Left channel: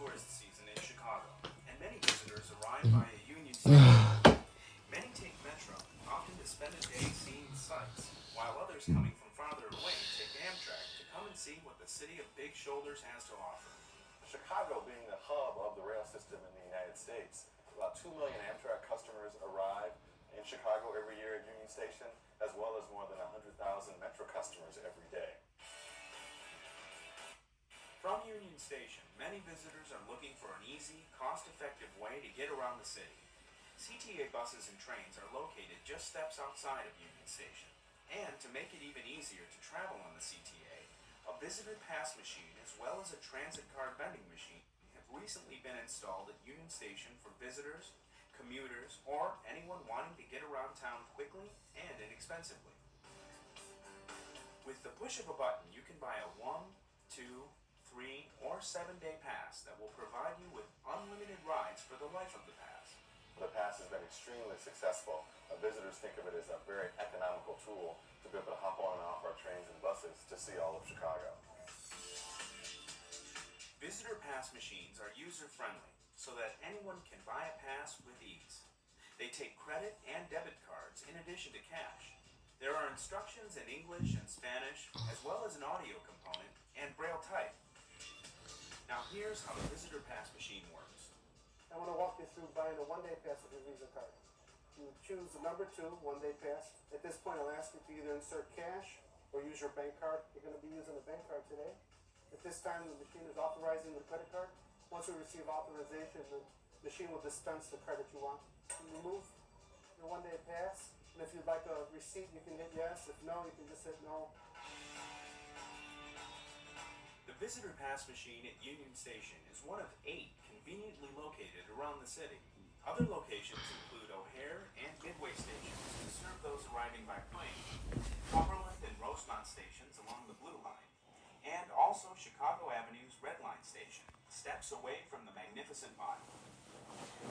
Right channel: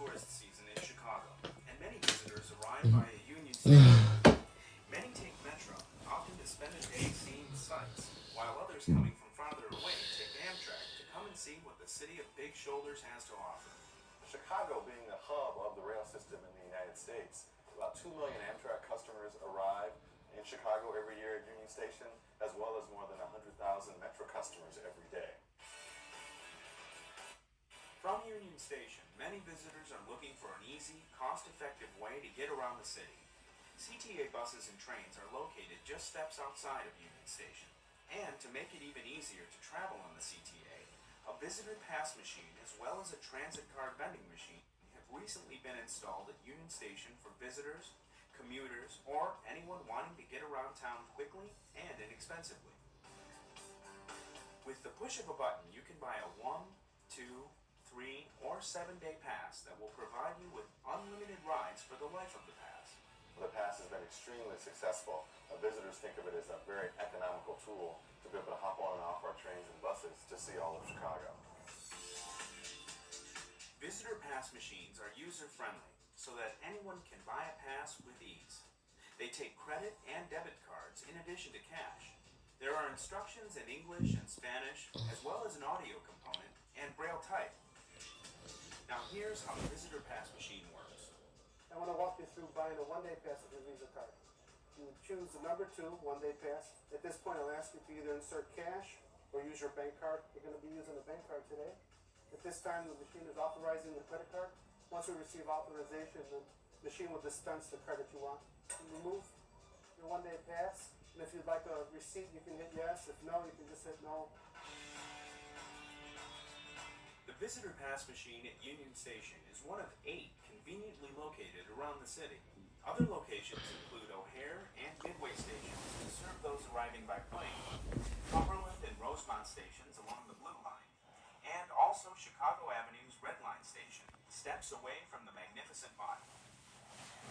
tourist season in Chicago, and many visitors arrive via Union Station. Many take Metro, often to spend a day seeing the sights, while others coming from farther away take Amtrak to come and see what the city of Big Shoulders has to offer. Chicago being the hub of the rail system in the United States, about 2 million Amtrak customers arrive in Chicago every year at Union Station, as well as more than 100,000 Metro customers every day. From Union Station, many visitors are looking for an easy, cost-effective way to get around the city. CTA buses and trains are located just steps outside of Union Station. And to make it even easier to travel on the CTA, a visitor pass machine as well as a transit card vending machine have recently been installed at Union Station for visitors, commuters, or anyone wanting to get around town quickly and inexpensively. With the push of a button, you can buy a 1, 2, 3, or 7-day pass that will provide you with unlimited rides for the life of the pass. The pass has been extremely successful. Visitors think of it as a very economical tool to be able to hop on and off our trains and buses to see all of Chicago. Visitor pass machines are user-friendly so that anyone can buy a pass with ease. They take credit and debit cards in addition to cash. There are instructions in English and Spanish, as well as an audio component and Braille type. Now here's how the visitor pass machine works. I want to walk you through buying a one-day pass with your Visa card. You choose the number 2, one-day pass. At this point, I'll ask you to either insert cash or use your bank card. You're going to be using a bank card today. At this time, the machine is authorizing the credit card. Once we receive authorization, the machine will dispense the credit you want. You remove your one-day pass, and if you'd like a receipt, you can hit yes. If no, you can just hit no. The visitor pass machine at Union Station is one of 8 conveniently located around the city. Other locations include O'Hare and Midway stations to serve those arriving by plane, Cumberland and Rosemont stations along the Blue Line, and also Chicago Avenue's Red Line station, steps away from the magnificent mile.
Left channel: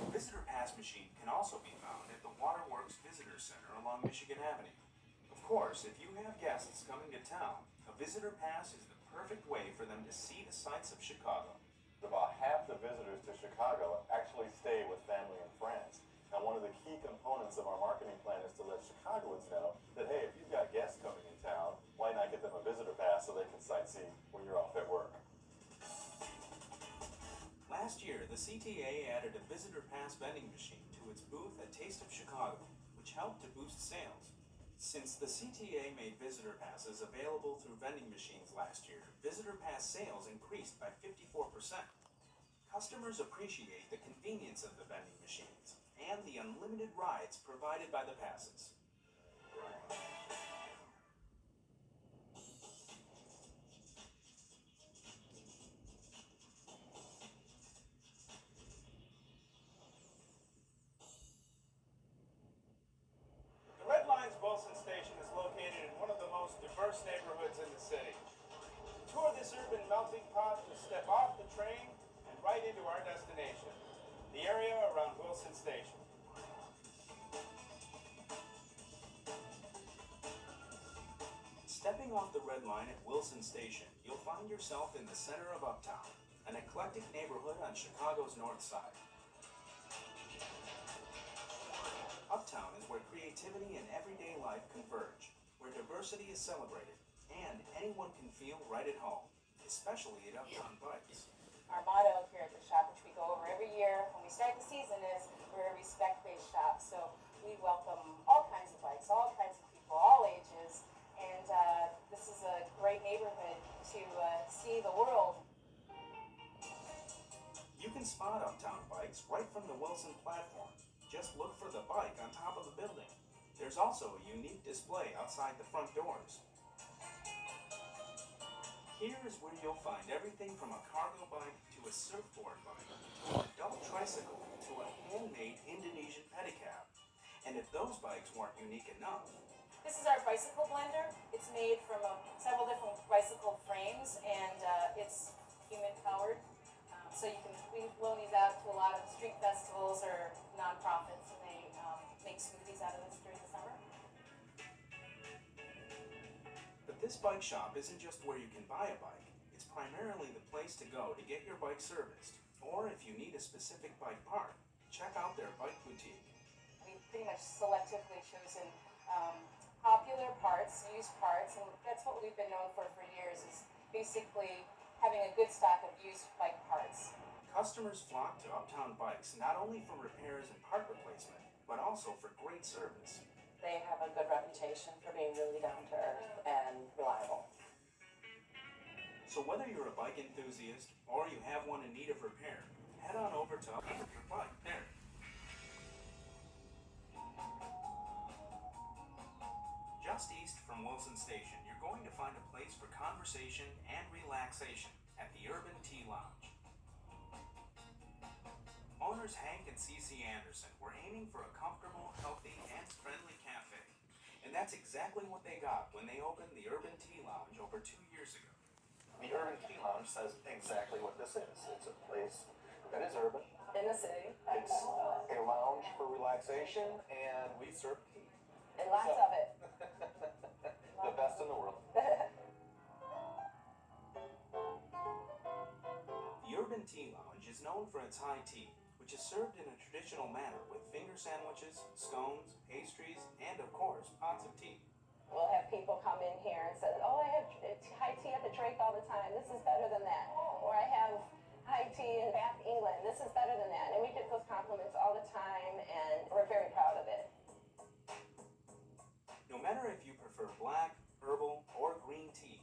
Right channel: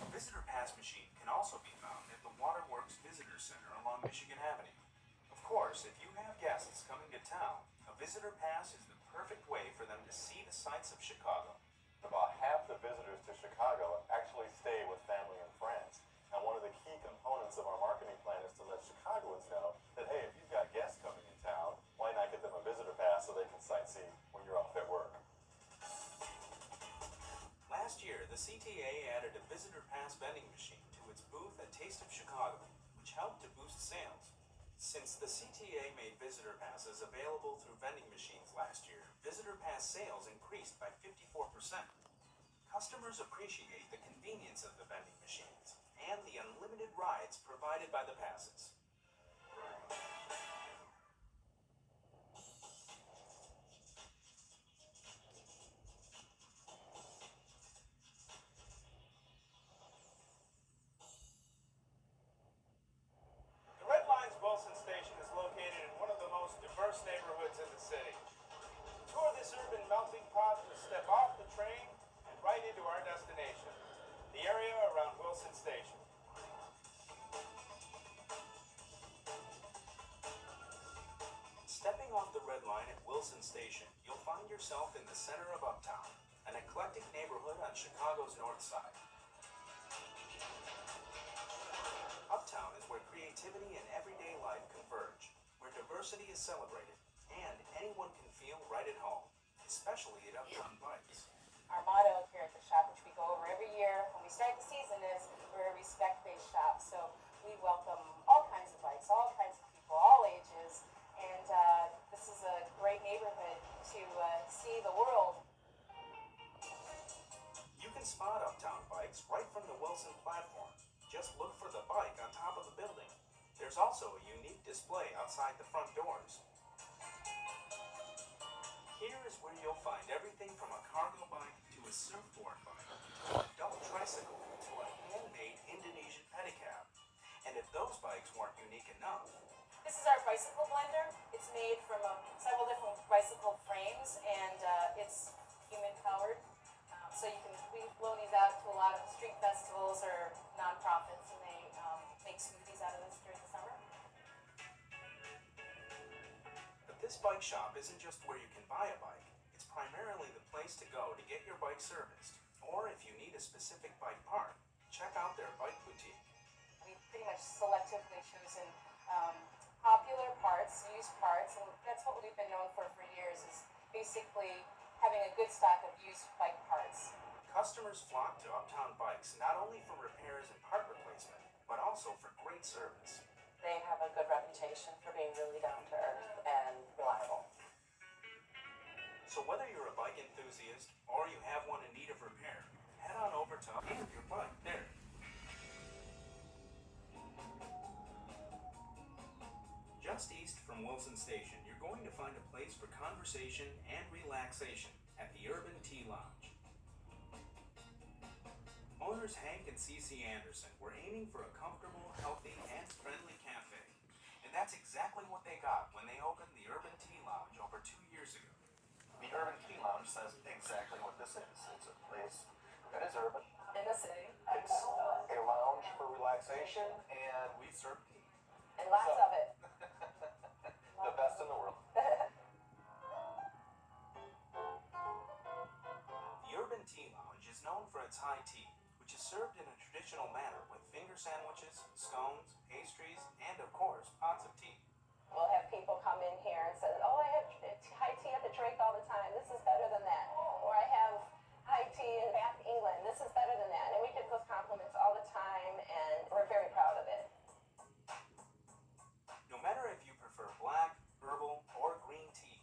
The visitor pass machine can also be found at the Waterworks Visitor Center along Michigan Avenue. Of course, if you have guests coming to town, a visitor pass is the perfect way for them to see the sights of Chicago. About half the visitors to Chicago actually stay with family and friends. And one of the key components of our marketing plan is to let Chicagoans know that, hey, if you've got guests coming in town, why not get them a visitor pass so they can sightsee when you're off at work? Last year, the CTA added a visitor pass vending machine to its booth at Taste of Chicago, which helped to boost sales. Since the CTA made visitor passes available through vending machines last year, visitor pass sales increased by 54%. Customers appreciate the convenience of the vending machines and the unlimited rides provided by the passes. The Red Line's Wilson Station is located in one of the most diverse neighborhoods in the city. Tour this urban melting pot to step off the train and right into our destination, the area around Wilson Station. Stepping off the Red Line at Wilson Station, you'll find yourself in the center of Uptown, an eclectic neighborhood on Chicago's north side. Uptown is where creativity and everyday life converge, where diversity is celebrated, and anyone can feel right at home, especially at Uptown Bikes. Our motto here at the shop, which we go over every year when we start the season, is we're a respect-based shop. So we welcome all kinds of bikes, all kinds of people, all ages, and this is a great neighborhood to see the world. You can spot Uptown Bikes right from the Wilson platform. Just look for the bike on top of the building. There's also a unique display outside the front doors. Here is where you'll find everything from a cargo bike to a surfboard bike, to an adult tricycle, to a handmade Indonesian pedicab. And if those bikes weren't unique enough, This is our bicycle blender. It's made from several different bicycle frames, and it's human-powered. So we loan these out to a lot of street festivals or nonprofits, and they make smoothies out of this during the summer. but this bike shop isn't just where you can buy a bike. It's primarily the place to go to get your bike serviced. Or if you need a specific bike part, check out their bike boutique. We've pretty much selectively chosen popular parts, used parts, and that's what we've been known for years, is basically having a good stock of used bike parts. Customers flock to Uptown Bikes not only for repairs and part replacement, but also for great service. They have a good reputation for being really down to earth and reliable. So whether you're a bike enthusiast or you have one in need of repair, head on over to and your bike there. Just east from Wilson Station, you're going to find a place for conversation and relaxation at the Urban Tea Lounge. Owners Hank and Cece Anderson were aiming for a comfortable, healthy, and friendly cafe. And that's exactly what they got when they opened the Urban Tea Lounge over 2 years ago. The Urban Tea Lounge says exactly what this is. It's a place that is urban. In the city, It's a lounge for relaxation, and we serve tea. and lots of it. The best in the world. The Urban Tea Lounge is known for its high tea, which is served in a traditional manner with finger sandwiches, scones, pastries, and of course, pots of tea. We'll have people come in here and say, oh, I have high tea at the Drake all the time. This is better than that. Or I have high tea in Bath, England. This is better than that. And we get those compliments all the time, and we're very proud of it. No matter if you prefer black, herbal, or green tea,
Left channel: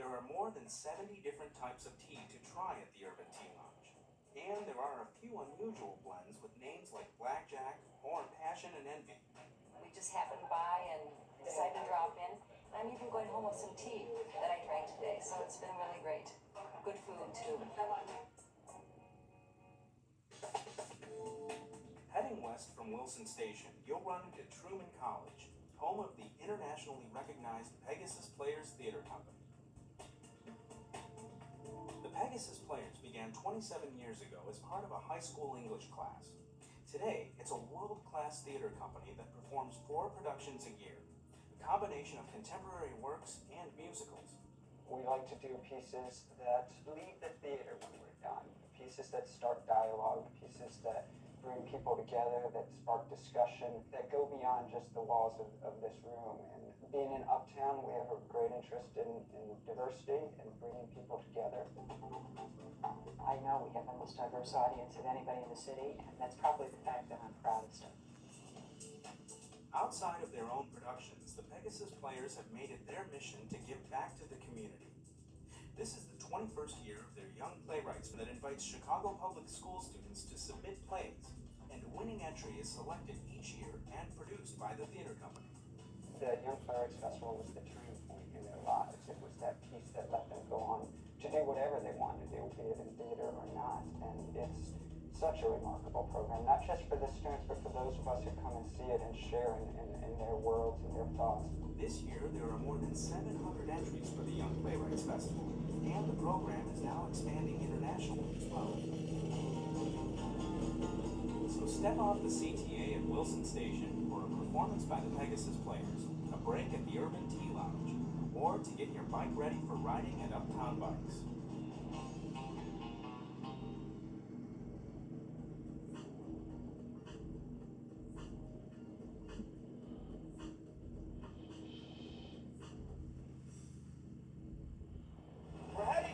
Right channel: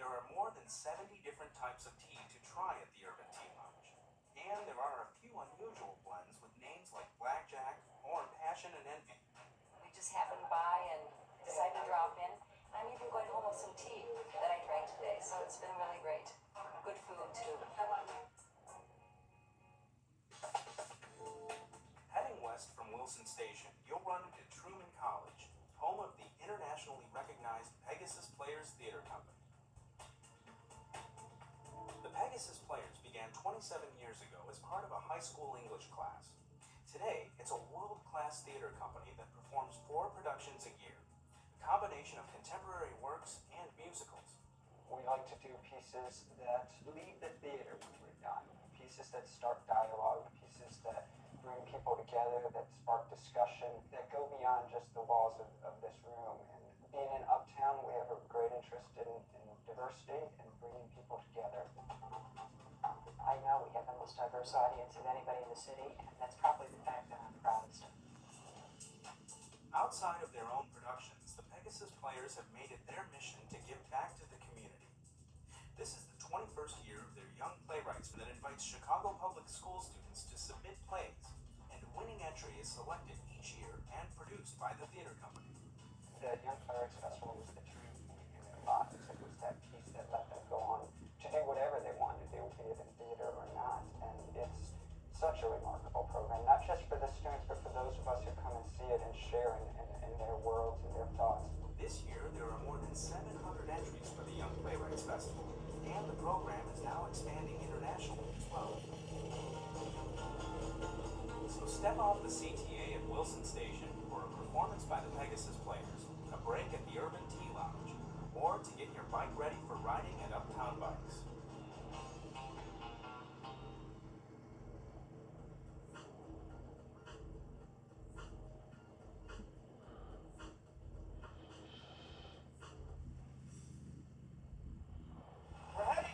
there are more than 70 different types of tea to try at the Urban Tea Lounge. And there are a few unusual blends with names like Blackjack or Passion and Envy. We just happened by and decided to drop in. I'm even going home with some tea that I drank today, so it's been really great. Good food too. Heading west from Wilson Station, you'll run into Truman College, home of the internationally recognized Pegasus Players Theater Company. The Pegasus Players began 27 years ago as part of a high school English class. Today, it's a world-class theater company that performs 4 productions a year, a combination of contemporary works and musicals. We like to do pieces that leave the theater when we're done, pieces that start dialogue, pieces that bring people together, that spark discussion, that go beyond just the walls of this room. And being in Uptown, we have a great interest in diversity and bringing people together. I know we have the most diverse audience of anybody in the city, and that's probably the fact that I'm proudest of. Outside of their own productions, the Pegasus Players have made it their mission to give back to the community. This is the 21st year of their Young Playwrights that invites Chicago Public School students to submit plays, and a winning entry is selected each year and produced by the theater company. The Young Playwrights Festival was the turning point in their lives. It was that piece that let them go on to do whatever they wanted to do, be it in theater or not. And it's such a remarkable program, not just for the students, but for those of us who come and see it and share in their worlds and their thoughts. This year, there are more than 700 entries for the Young Playwrights Festival, and the program is now expanding internationally as well. So step off the seat